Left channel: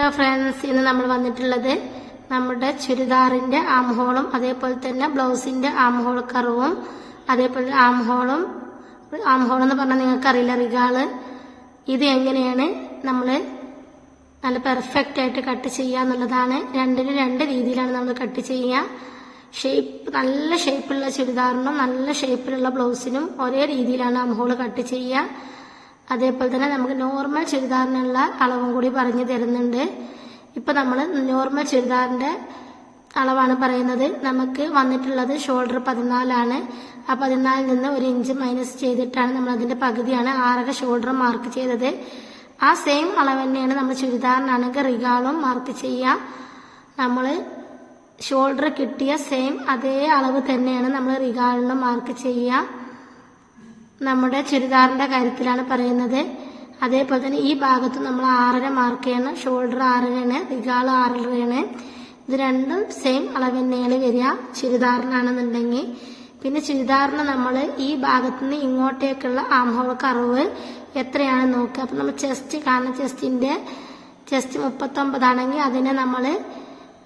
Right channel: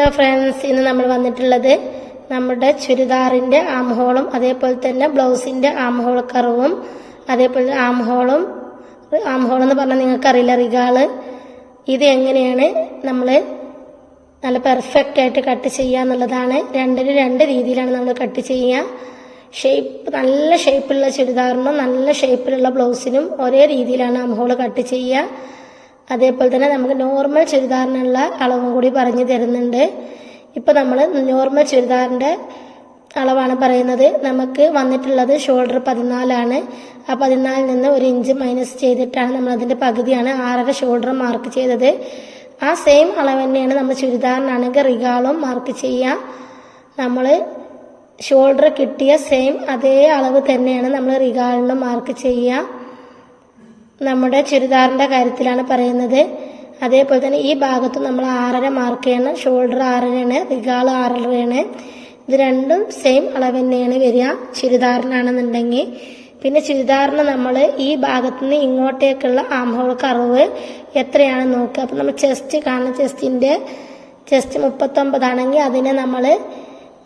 Hello friends, ഇന്ന് നമ്മൾ വന്നിട്ടുള്ളത് നമ്മുടെ ചുരിദാറിൻ്റെ ആം ഹോളും അതേപോലെ തന്നെ ബ്ലൗസിൻ്റെ ആം ഹോൾ കർവും അതേപോലെ ആം ഹോൾ എന്ന് പറഞ്ഞാൽ നിങ്ങൾക്കറിയില്ല, റിഗാള്. ഇത് എങ്ങനെയാണ് നമ്മൾ നല്ല പെർഫെക്റ്റ് ആയിട്ട് കട്ട് ചെയ്യുക എന്നുള്ളതാണ്. രണ്ടിനും രണ്ട് രീതിയിലാണ് നമ്മൾ കട്ട് ചെയ്യുക. നല്ല ഷേപ്പിലുള്ള ചുരിദാറിനും നല്ല ഷേപ്പിലുള്ള ബ്ലൗസിനും ഒരേ രീതിയിലാണ് ആം ഹോൾ കട്ട് ചെയ്യുക. അതേപോലെ തന്നെ നമുക്ക് നോർമൽ ചുരിദാറിനുള്ള അളവും കൂടി പറഞ്ഞു തരുന്നുണ്ട്. ഇപ്പോൾ നമ്മൾ നോർമൽ ചുരിദാറിൻ്റെ അളവാണ് പറയുന്നത്. നമുക്ക് വന്നിട്ടുള്ളത് ഷോൾഡർ 14 ആ 14 നിന്ന് 1 ഇഞ്ച് മൈനസ് ചെയ്തിട്ടാണ് നമ്മൾ അതിൻ്റെ പകുതിയാണ് 6.5 ഷോൾഡർ മാർക്ക് ചെയ്തത്. ആ സെയിം അളവ് തന്നെയാണ് നമ്മൾ ചുരിദാറിനാണെങ്കിൽ റിഗാളും മാർക്ക് ചെയ്യുക. നമ്മൾ ഷോൾഡർ കിട്ടിയ സെയിം അതേ അളവ് തന്നെയാണ് നമ്മൾ റിഗാളിനും മാർക്ക് ചെയ്യുക. നമ്മുടെ ചുരിദാറിൻ്റെ കാര്യത്തിലാണ് പറയുന്നത്. അതേപോലെ തന്നെ ഈ ഭാഗത്ത് നമ്മൾ 6.5 മാർക്ക് ചെയ്യണം. ഷോൾഡർ 6.5 റിഗാൾ 6.5. ഇത് രണ്ടും സെയിം അളവ് തന്നെയാണ് വരിക ചുരിദാറിനാണെന്നുണ്ടെങ്കിൽ. പിന്നെ ചുരിദാറിന് നമ്മൾ ഈ ഭാഗത്തു നിന്ന് ഇങ്ങോട്ടേക്കുള്ള ആം ഹോൾ കർവ് എത്രയാണെന്ന് നോക്കുക. അപ്പം നമ്മൾ ചെസ്റ്റ് കാണുന്ന ചെസ്റ്റ് 39 ആണെങ്കിൽ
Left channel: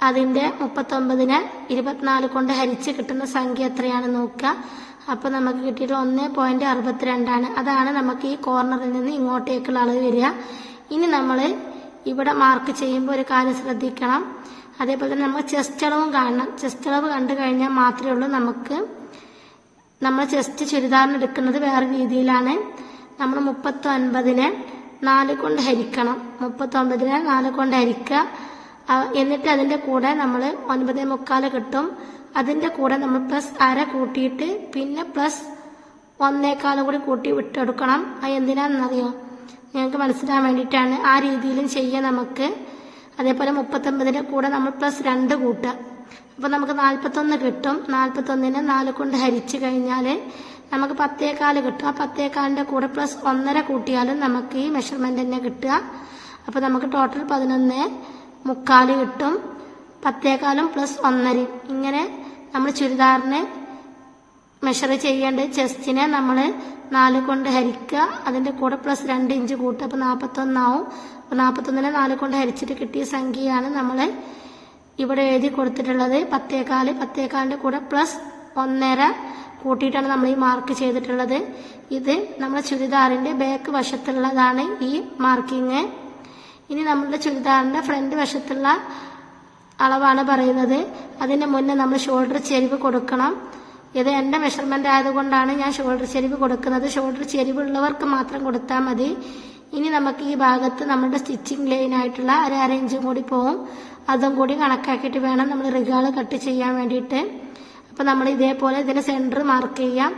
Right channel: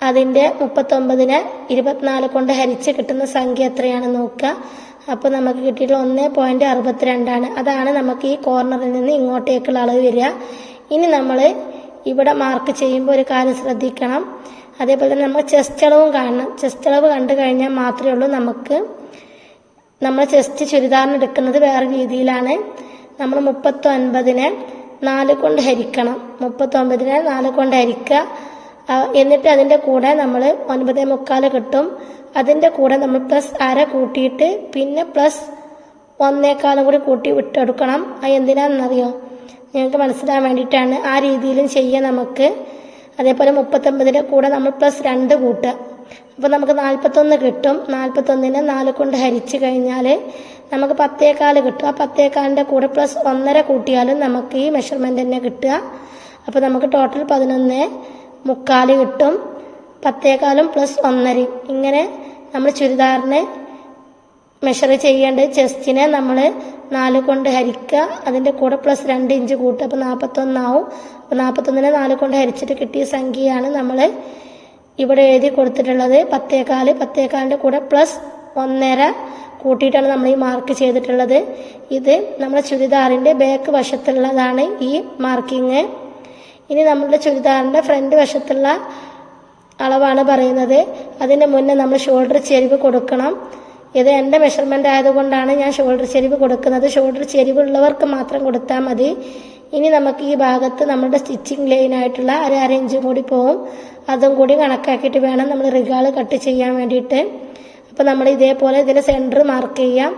അതിൻ്റെ 39നെ 24 കൊണ്ട് ഹരിച്ച് കിട്ടുന്ന സംഖ്യ എത്രയാണെന്ന് നോക്കുക. അപ്പോൾ നമുക്ക് കിട്ടിയിട്ടുള്ള 1.62 അതാണ് നമുക്ക് ഈ കോർണറിൽ നിന്ന് ഇങ്ങോട്ടേക്കുള്ള അളവ് വരിക. ഇനി നമ്മൾ ഇവിടെ മാർക്ക് ചെയ്യുമ്പോൾ ഒരു കാര്യം ശ്രദ്ധിക്കണം. അതേപോലെ തന്നെ നമ്മൾ ചെസ്റ്റ് അളവും കാണണം. ചെസ്റ്റ് അളവ് കണ്ടു കഴിഞ്ഞാൽ മാത്രമേ ഉള്ളൂ നമ്മൾ ചെസ്റ്റ് ചുരിദാറിന് എടുക്കുന്നത് വേറെ രീതിയിലാണ്. നമ്മൾ 39നെ 4 കൊണ്ട് ഹരിക്കണം. 39നെ 4 കൊണ്ട് ഹരിക്കുക. എന്നിട്ട് അതിൻ്റെ കൂടെ നമ്മൾ 9.25 കിട്ടും. അതിൻ്റെ കൂടെ നമ്മൾ +1/2 കൂട്ടിയിട്ട് പിന്നെ +1.25 കൂടി കൂട്ടി വിട്ടെടുക്കണം. അത് എന്തിനാണെന്നറിയോ? നിങ്ങൾക്ക് മനസ്സിലാൻ വേണ്ടിയിട്ടാണ്. ആ രീതിയിലും ചെയ്യാം നമുക്ക്. അതേപോലെ 39ൻ്റെ കൂടെ നമ്മൾ +2 കൂട്ടുക. അപ്പോൾ നമുക്ക് 41 കിട്ടും. 41നെ 4 കൊണ്ട് ഹരിച്ച് കഴിഞ്ഞാൽ നമുക്ക് 10.25 കിട്ടും. ആ 10.25ൻ്റെ കൂടെ +1.5 കൂട്ടിയാലും നമുക്ക് ഈ മെഷർമെൻ്റ് തന്നെ കിട്ടുക. അപ്പോൾ നമുക്ക് ടോട്ടൽ 11.25 കിട്ടും. 10.25 +1.5 ഇങ്ങനെ നമ്മൾ ചുരിദാറിന് മെഷർ ചെയ്യേണ്ടത്. ചെസ്റ്റിനെ നമ്മൾ 4 കൊണ്ട് ഹരിക്കുക. അതിൻ്റെ കൂടെ +2 ഇഞ്ച് കൂട്ടുക. അപ്പോൾ 41 ആവും. അപ്പോൾ 41നെ 4 കൊണ്ട് ഹരിച്ചിട്ട് കിട്ടിയ സംഖ്യയാണ് നമ്മൾ ഇവിടെ എഴുതി കൊടുത്തിട്ടുള്ളത്. 10.25ൻ്റെ കൂടെ +1.5 കൂട്ടിയിട്ടാണ് നമ്മൾ ഈ മാർക്ക് ചെയ്തിട്ടുള്ളത്. ഇത് നമ്മുടെ ചുരിദാറിൻ്റെ ബാക്ക് വശത്തുള്ളതാണ് ഈ മാർക്കിങ്. ഇനി നമ്മളുടെ ചുരിദാറിൻ്റെ ഫ്രണ്ട് വശത്തുള്ള അളവാണ് പറയുന്നത്. അതിന് മുന്നേ നമ്മൾ ഷോൾഡർ ചെരിവ് കൊടുക്കണം. ഇത് എൻ്റെ മെഷർമെൻ്റ് ആയതുകൊണ്ടാണ് ഞാൻ ഷോൾഡർ ചെരിവ് കൊടുക്കുന്നത്. ഷോൾഡർ ചെരിവുള്ളവർക്ക് മാത്രം കൊടുത്താൽ മതി. ഇനി നമുക്ക് ഈ ഭാഗത്ത് നമ്മുടെ സ്റ്റിച്ചിങ് ലൈനായിട്ടുള്ള 1/2 ഇഞ്ചും കൂടി പോകും. അതും കൂടി കണക്കാക്കിയിട്ട് വേണം നമ്മൾ റിഗാൾ കട്ട് ചെയ്യാൻ വേണ്ടിയിട്ട്. അപ്പോൾ നമ്മൾ ഇതേപോലെ ഇതിന് സെൻറ്റർ മാർക്ക് ചെയ്യാം.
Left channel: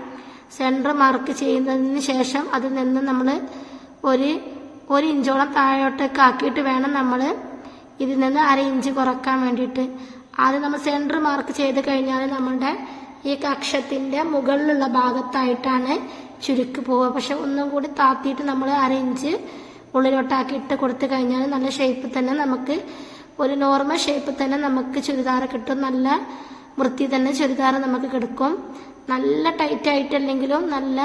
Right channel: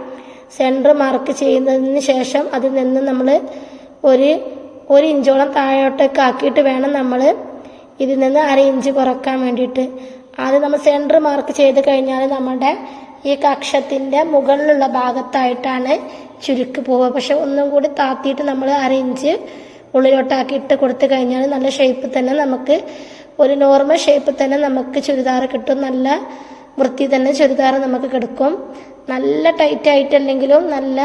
സെൻറ്റർ മാർക്ക് ചെയ്യുന്നതിന് ശേഷം അതിൽ നിന്ന് നമ്മൾ ഒരു ഇഞ്ചോളം താഴോട്ടേക്ക് ആക്കിയിട്ട് വേണം നമ്മൾ ഇതിൽ നിന്ന് 1/2 ഇഞ്ച് കുറക്കാൻ വേണ്ടിയിട്ട്. ആദ്യം നമ്മൾ സെൻറ്റർ മാർക്ക് ചെയ്ത് കഴിഞ്ഞാൽ നമ്മുടെ ഈ കക്ഷത്തിൻ്റെ മുകളിലുള്ള ഭാഗത്തായിട്ടാണ് ചുരുക്ക് പോവുക. പക്ഷെ ഒന്നും കൂടി താത്തിയിട്ട് നമ്മൾ 1/2 ഇഞ്ച് ഉള്ളിലോട്ടാക്കി ഇട്ട് കൊടുത്തു കഴിഞ്ഞാൽ നല്ല ഷേപ്പ് തന്നെ നമുക്ക് ഒരു നോർമൽ ഷേപ്പ് തന്നെ നമുക്ക് ചുരിദാർ കിട്ടും. നല്ല വൃത്തി തന്നെ ചുരിദാർ നമുക്ക് കിടക്കും. നല്ല ടൈറ്റ് ആയിട്ടല്ലെങ്കിലും നല്ല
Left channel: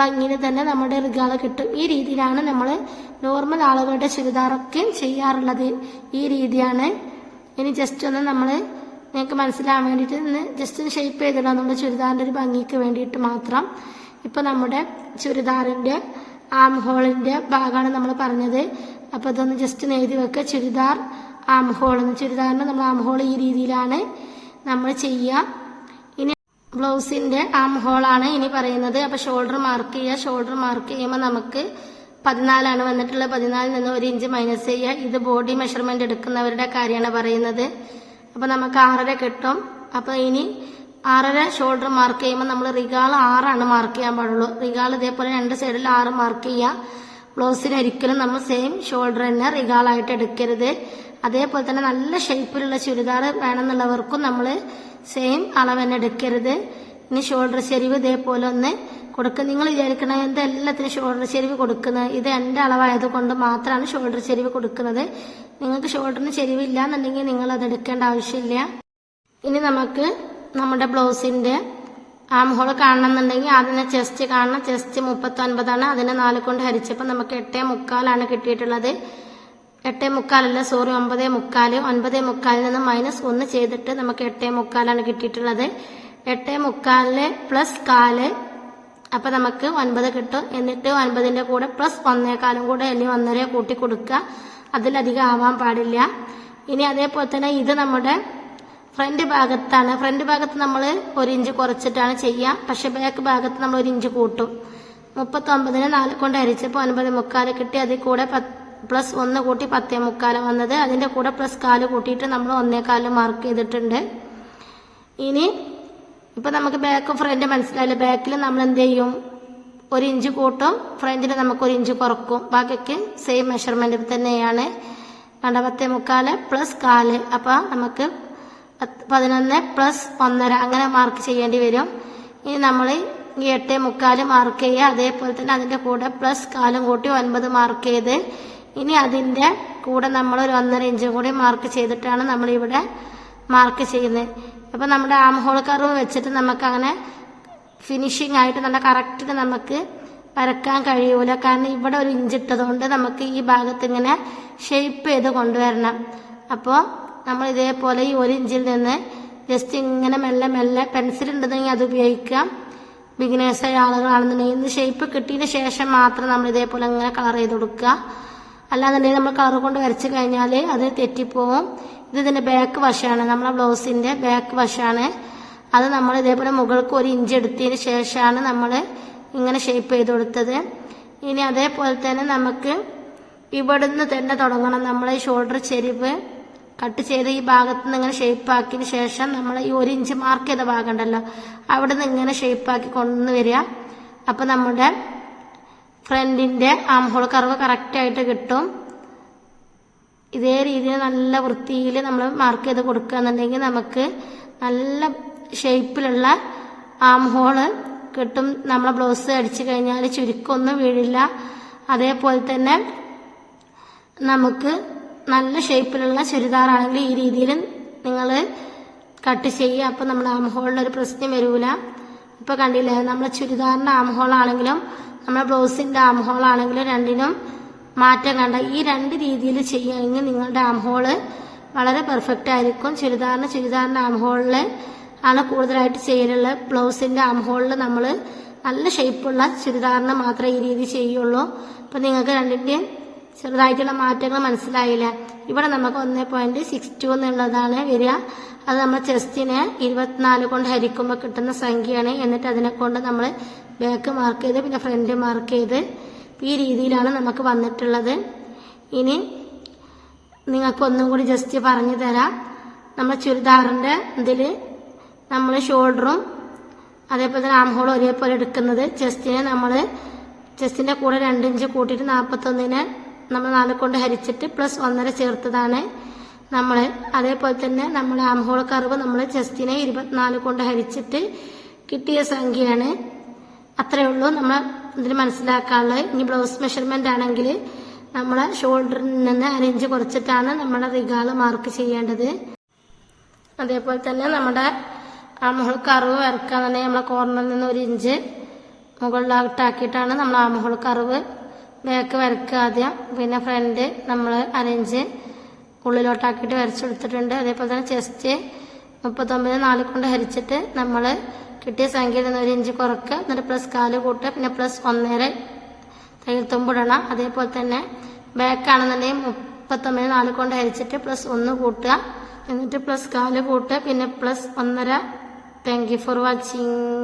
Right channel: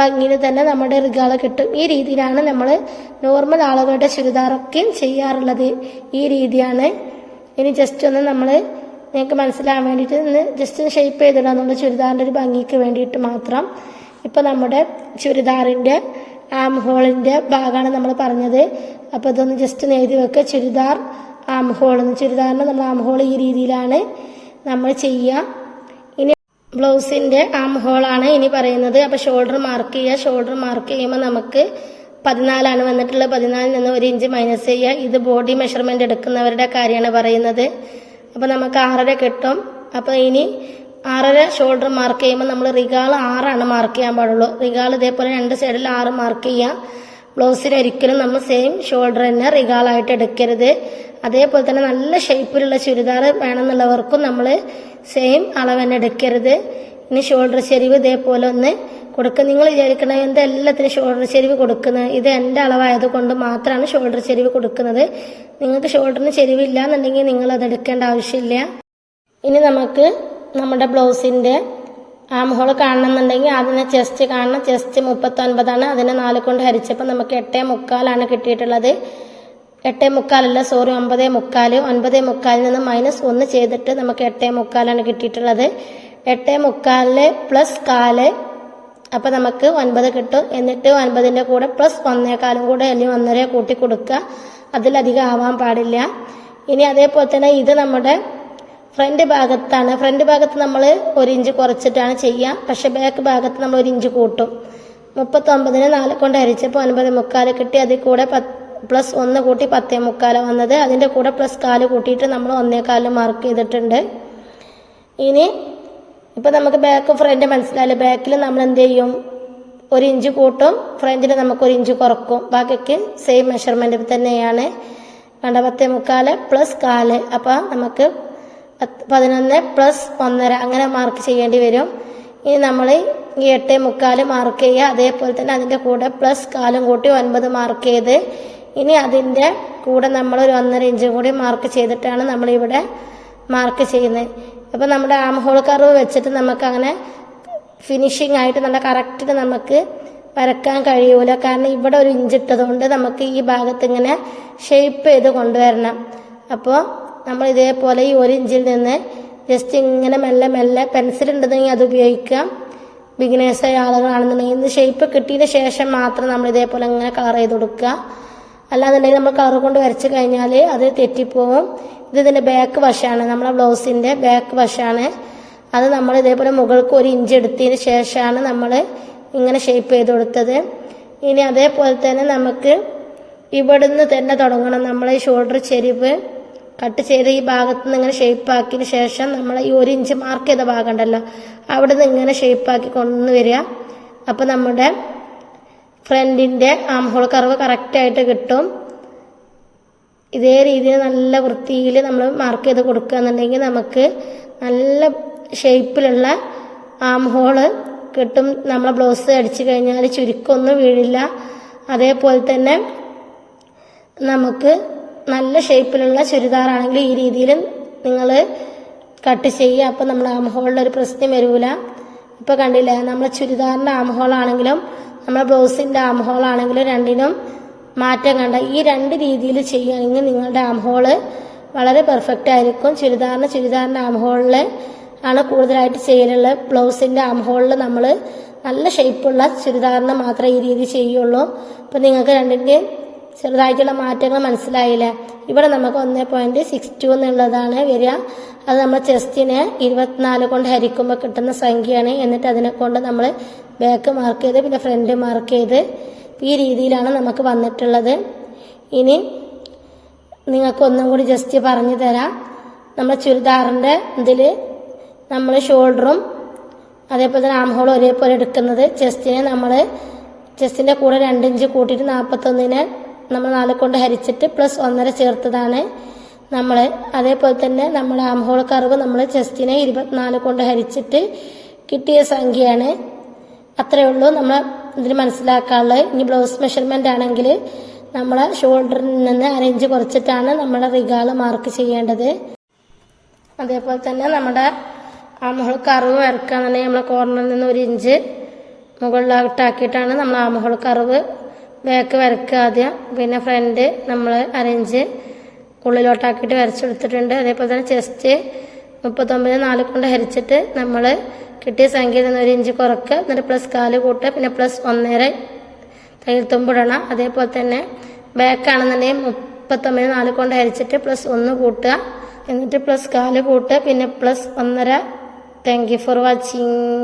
ഭംഗിയിൽ തന്നെ നമ്മുടെ റിഗാൾ കിട്ടും. ഈ രീതിയിലാണ് നമ്മൾ നോർമൽ ആളുകളുടെ ചുരിദാറൊക്കെയും ചെയ്യാറുള്ളത്. ഈ രീതിയാണ്. ഇനി ജസ്റ്റ് ഒന്ന് നിങ്ങൾക്ക് മനസ്സിലാകാൻ വേണ്ടിയിട്ട് ജസ്റ്റ് ഷേപ്പ് ചെയ്തിടാം നമ്മുടെ ചുരിദാറിൻ്റെ ഒരു ഭംഗിക്ക് വേണ്ടിയിട്ട് മാത്രം. ഇപ്പോൾ നമ്മുടെ ചുരിദാറിൻ്റെ ആം ഹോളിൻ്റെ ഭാഗമാണ് നമ്മൾ പറഞ്ഞത്. അപ്പോൾ ഇതൊന്ന് ജസ്റ്റ് എഴുതി വെക്കുക. Churidar arm hole. ചുരിദാറിന് നമ്മൾ ആം ഹോൾ ഈ രീതിയിലാണ് നമ്മൾ ചെയ്യുക. ബ്ലൗസിൻ്റെ ആം ഹോളാണ് ഇനി പറയുന്നത്. അപ്പോൾ ഷോൾഡർ മാർക്ക് ചെയ്യുക. ഷോൾഡർ മാർക്ക് ചെയ്യുമ്പോൾ നമുക്ക് 14 വന്നിട്ടുള്ളത്. 14 നിന്ന് 1 ഇഞ്ച് മൈനസ് ചെയ്യുക. ഇത് ബോഡി മെഷർമെൻ്റ് എടുക്കുന്നവരുടെ കാര്യമാണ് പറയുന്നത്. അപ്പോൾ നമുക്ക് 6.5 കിട്ടും. അപ്പോൾ ഇനി 6.5 ഷോൾഡർ മാർക്ക് ചെയ്യുമ്പോൾ നമ്മൾ റിഗാൾ 6 മാർക്ക് ചെയ്യാൻ പാടുള്ളൂ. റിഗാൾ ഇതേപോലെ 2 സൈഡിൽ 6 മാർക്ക് ചെയ്യാം. ബ്ലൗസിന് ഒരിക്കലും നമ്മൾ സെയിം ഷോൾഡർ തന്നെ റിഗാളായിട്ട് എടുക്കരുത്. അതേപോലെ തന്നെ നല്ല ഷേപ്പിലുള്ള ചുരിദാർ വേണമെന്നുള്ളവർക്കും നമ്മൾ സെയിം അളവ് തന്നെ എടുക്കരുത്. ഇനി ഷോൾഡർ ചെരിവ് ഇതേപോലെ ഒന്ന് കൊടുക്കുക. നിങ്ങൾ വിചാരിക്കണം എന്തെല്ലാത്തിനും ഷോൾഡർ ചെരിവ് കൊടുക്കുന്നത്. ഇത് എൻ്റെ അളവായത് കൊണ്ട് മാത്രമാണ് ഷോൾഡർ ചെരിവ് കൊടുക്കുന്നത്. നിങ്ങൾക്ക് ഷോൾഡറിന് ചെരിവില്ല എന്നുണ്ടെങ്കിൽ നിങ്ങളത് എടുക്കേണ്ട ആവശ്യമില്ല. ഇനി നമുക്ക് നമ്മുടെ ബ്ലൗസിൻ്റെ ആം ഹോൾ കാണണമെന്നുണ്ടെങ്കിൽ അതിന് ചെസ്റ്റ് കാണണം. ചെസ്റ്റ് 39 അതിനെ 4 കൊണ്ട് ഹരിച്ചപ്പോൾ നമുക്ക് 8.25 കിട്ടിയിട്ടുള്ളത്. 9:45 9:45 നിന്ന് -1 ചെയ്തിട്ട് നമുക്ക് 8:45 കിട്ടിയിട്ടുള്ളത്. 8:45 പ്ലസ് 1/4, അപ്പം നമുക്ക് 9 കിട്ടും. എന്നിട്ട് 9ന്റെ കൂടെ പ്ലസ് 1/4 കൂടെ അല്ലെങ്കിൽ 1.5 കൂട്ടി കൊടുക്കുക. അതിലധികം ആവാൻ പാടില്ല. ഇനി അതേപോലെ തന്നെ ഇത് നമ്മുടെ ഫ്രണ്ട് ഭാഗത്താണ്. ഫ്രണ്ട് ഭാഗത്ത് നമ്മൾ 1 ഇഞ്ച് കുറച്ചിട്ടാണ് ചെയ്യുക. പക്ഷെ ബാക്ക് ഭാഗത്ത് നമ്മൾ 1 ഇഞ്ച് കൂട്ടും. 39നെ 4 കൊണ്ട് ഹരിച്ചപ്പോൾ 9:45 കിട്ടി. അതിൽ കൂടെ പ്ലസ് 1 കൂട്ടി 10:45 വന്നത്. അതിൻ്റെ കൂടെ പ്ലസ് 1/4 കൂട്ടിയിട്ട് നമ്മൾ 1/4 മാർക്ക് ചെയ്തിട്ടുണ്ട്. ഇനി ഇപ്പം നമുക്ക് ബാക്ക് ഫ്രണ്ട് മനസ്സിലായില്ല. ബാക്കിൽ നമ്മൾ എന്ത് ചെയ്യും? 1 ഇഞ്ച് കൂട്ടും, ഫ്രണ്ടിൽ നമുക്ക് 1 ഇഞ്ച് കുറക്കും. ബാക്കിക്ക് സെയിം മെഷർമെൻറ്റ് തന്നെയാണ്. 10:45 പ്ലസ് 1/4, അപ്പം നമുക്ക് 11 പ്ലസ് 1.5 അങ്ങനെ മാർക്ക് ചെയ്യേണ്ടി വരും. ഇനി നമ്മൾ ഈ 8:45 മാർക്ക് ചെയ്യുക. അതേപോലെ തന്നെ അതിൻ്റെ കൂടെ പ്ലസ് 1/4 കൂട്ടി 9 മാർക്ക് ചെയ്ത് ഇനി അതിൻ്റെ കൂടെ നമ്മൾ ഒരു 1.5 ഇഞ്ചും കൂടി മാർക്ക് ചെയ്തിട്ടാണ് നമ്മളിവിടെ മാർക്ക് ചെയ്യുന്നത്. അപ്പോൾ നമ്മുടെ ആം ഹോൾ കർവ് വെച്ചിട്ട് നമുക്ക് അങ്ങനെ ഫിനിഷിംഗ് ആയിട്ട് നല്ല കറക്റ്റിന് നമുക്ക് വരക്കാൻ കഴിയൂല. കാരണം ഇവിടെ 1 ഇഞ്ച് ഇട്ടതുകൊണ്ട് നമുക്ക് ഈ ഭാഗത്ത് ഇങ്ങനെ ഷേപ്പ് ചെയ്ത് കൊണ്ടുവരണം. അപ്പോൾ നമ്മൾ ഇതേപോലെ ഈ 1 ഇഞ്ചിൽ നിന്ന് ജസ്റ്റ് ഇങ്ങനെ മെല്ലെ മെല്ലെ പെൻസിൽ ഉണ്ടെന്നെങ്കിൽ അത് ഉപയോഗിക്കാം. ബിഗിനേഴ്സായ ആളുകളാണെന്നുണ്ടെങ്കിൽ ഇന്ന് ഷേപ്പ് കിട്ടിയതിന് ശേഷം മാത്രം നമ്മൾ ഇതേപോലെ ഇങ്ങനെ കളർ ചെയ്ത് കൊടുക്കുക. അല്ലാന്നുണ്ടെങ്കിൽ നമ്മൾ കളർ കൊണ്ട് വരച്ച് കഴിഞ്ഞാൽ അത് തെറ്റിപ്പോവും. ഇതിൻ്റെ ബാക്ക് വശമാണ്, നമ്മളെ ബ്ലൗസിൻ്റെ ബാക്ക് വശമാണ്. അത് നമ്മൾ ഇതേപോലെ മുകൾക്ക് 1 ഇഞ്ച് എടുത്തതിന് ശേഷമാണ് നമ്മൾ ഇങ്ങനെ ഷേപ്പ് ചെയ്ത് കൊടുത്തത്. ഇനി അതേപോലെ തന്നെ നമുക്ക് ഇവിടുന്ന് തന്നെ തുടങ്ങണം. നമ്മൾ ഈ ഷോൾഡർ ചെരിവ് കട്ട് ചെയ്ത് ഈ ഭാഗത്ത് നിന്ന് ഇങ്ങനെ ഷേപ്പാക്കിയതിന് ശേഷം നമ്മൾ ഈ 1 ഇഞ്ച് മാർക്ക് ചെയ്ത ഭാഗം ഉണ്ടല്ലോ, അവിടെ നിന്ന് ഇങ്ങനെ ഷേപ്പാക്കി കൊണ്ടുവന്ന് വരിക. അപ്പോൾ നമ്മുടെ ഫ്രണ്ടിൻ്റെ ആം ഹോൾ കർവ് കറക്റ്റായിട്ട് കിട്ടും. ഇതേ രീതിയിൽ നല്ല വൃത്തിയിൽ നമ്മൾ മാർക്ക് ചെയ്ത് കൊടുക്കുക എന്നുണ്ടെങ്കിൽ നമുക്ക് നല്ല ഷേപ്പിലുള്ള ആം ഹോള് കിട്ടും. നമ്മളെ ബ്ലൗസ് അടിച്ചു കഴിഞ്ഞാൽ ചുരുക്കമൊന്നും വീഴില്ല. അതേപോലെ തന്നെ നമുക്ക് നല്ല ഷേപ്പിലുള്ള ചുരിദാറാണെങ്കിൽ ഈ രീതിയിൽ നിങ്ങൾ കട്ട് ചെയ്യുക. അപ്പോൾ നമ്മുടെ ആം ഹോളിലൊരു പ്രശ്നം വരില്ല. ഇപ്പോൾ കണ്ടില്ലേ, നമ്മളെ ചുരിദാറിൻ്റെ ആം ഹോളാണെങ്കിലും നമ്മളെ ബ്ലൗസിൻ്റെ ആം ഹോളാണെങ്കിലും രണ്ടിനും മാറ്റം കണ്ട. ഈ 2 രീതിയിൽ ചെയ്യുകയാണെങ്കിൽ നിങ്ങളുടെ ആം ഹോള് വളരെ പെർഫെക്റ്റ് ആയിരിക്കും. ചുരിദാറിൻ്റെ ആം ഹോളിൽ ആണ് കൂടുതലായിട്ട് ചെയ്യലുള്ളത്. ബ്ലൗസിൻ്റെ ആം ഹോളിൽ നമ്മൾ നല്ല ഷേപ്പുള്ള ചുരിദാറിന് മാത്രമേ ഈ രീതി ചെയ്യുള്ളൂ. അപ്പോൾ നിങ്ങൾക്ക് രണ്ടിൻ്റെയും ചെറുതായിട്ടുള്ള മാറ്റങ്ങൾ മനസ്സിലായില്ല. ഇവിടെ നമുക്ക് 1.62 എന്നുള്ളതാണ് വരിക. അത് നമ്മൾ ചെസ്റ്റിനെ 24 കൊണ്ട് ഹരിക്കുമ്പോൾ കിട്ടുന്ന സംഖ്യയാണ്. എന്നിട്ട് അതിനെ കൊണ്ട് നമ്മൾ ബാക്ക് മാർക്ക് ചെയ്ത് പിന്നെ ഫ്രണ്ട് മാർക്ക് ചെയ്ത് ഈ രീതിയിലാണ് നമുക്ക് വന്നിട്ടുള്ളത്. ഇനി നിങ്ങൾക്കൊന്നും കൂടി ജസ്റ്റ് പറഞ്ഞു തരാം. നമ്മൾ ചുരിദാറിൻ്റെ ഇതിൽ നമ്മൾ ഷോൾഡറും അതേപോലെ തന്നെ ആം ഹോളും ഒരേപോലെ എടുക്കുന്നത്. ചെസ്റ്റിൻ്റെ കൂടെ 2 ഇഞ്ച് കൂട്ടിയിട്ട് 41നെ നമ്മൾ 4 കൊണ്ട് ഹരിച്ചിട്ട് പ്ലസ് 1.5 ചേർത്തതാണ് നമ്മൾ. അതേപോലെ തന്നെ നമ്മൾ ആം ഹോൾ കർവ് നമ്മൾ ചെസ്റ്റിനെ 24 കൊണ്ട് ഹരിച്ചിട്ട് കിട്ടിയ സംഖ്യയാണ്. അത്രയേ ഉള്ളൂ നമ്മൾ ഇതിൽ മനസ്സിലാക്കാനുള്ളത്. ഇനി ബ്ലൗസ് മെഷർമെൻ്റ് ആണെങ്കിൽ നമ്മളെ ഷോൾഡറിൽ നിന്ന് 1 ഇഞ്ച് കുറച്ചിട്ടാണ് നമ്മുടെ റിഗാള് മാർക്ക് ചെയ്യേണ്ടത്. അതേപോലെ തന്നെ നമ്മുടെ ആം ഹോൾ കർവ് വരക്കുകയെന്നുണ്ടെങ്കിൽ നമ്മളെ കോർണറിൽ നിന്ന് 1 ഇഞ്ച് മുകളിലായിട്ടാക്കിയിട്ടാണ് നമ്മൾ ആം ഹോൾ കർവ് ബാക്ക് വരക്കുക ആദ്യം. പിന്നെ ഫ്രണ്ട് നമ്മൾ 1 ഇഞ്ച് ഉള്ളിലോട്ടാക്കിയിട്ട് വരച്ചെടുത്തിട്ടുണ്ട്. അതേപോലെ തന്നെ ചെസ്റ്റ് 39 4 കൊണ്ട് ഹരിച്ചിട്ട് നമ്മൾ കിട്ടിയ സംഖ്യയിൽ നിന്ന് 1 ഇഞ്ച് കുറക്കുക. എന്നിട്ട് പ്ലസ് 1/4 കൂട്ടുക. പിന്നെ പ്ലസ് 1.5 തയ്യൽ തുമ്പിടണം. അതേപോലെ തന്നെ ബാക്ക് ആണെന്നുണ്ടെങ്കിൽ 39 4 കൊണ്ട് ഹരിച്ചിട്ട് പ്ലസ് 1 കൂട്ടുക. എന്നിട്ട് പ്ലസ് 1/4 കൂട്ടുക. പിന്നെ plus 1.5. Thank you for watching.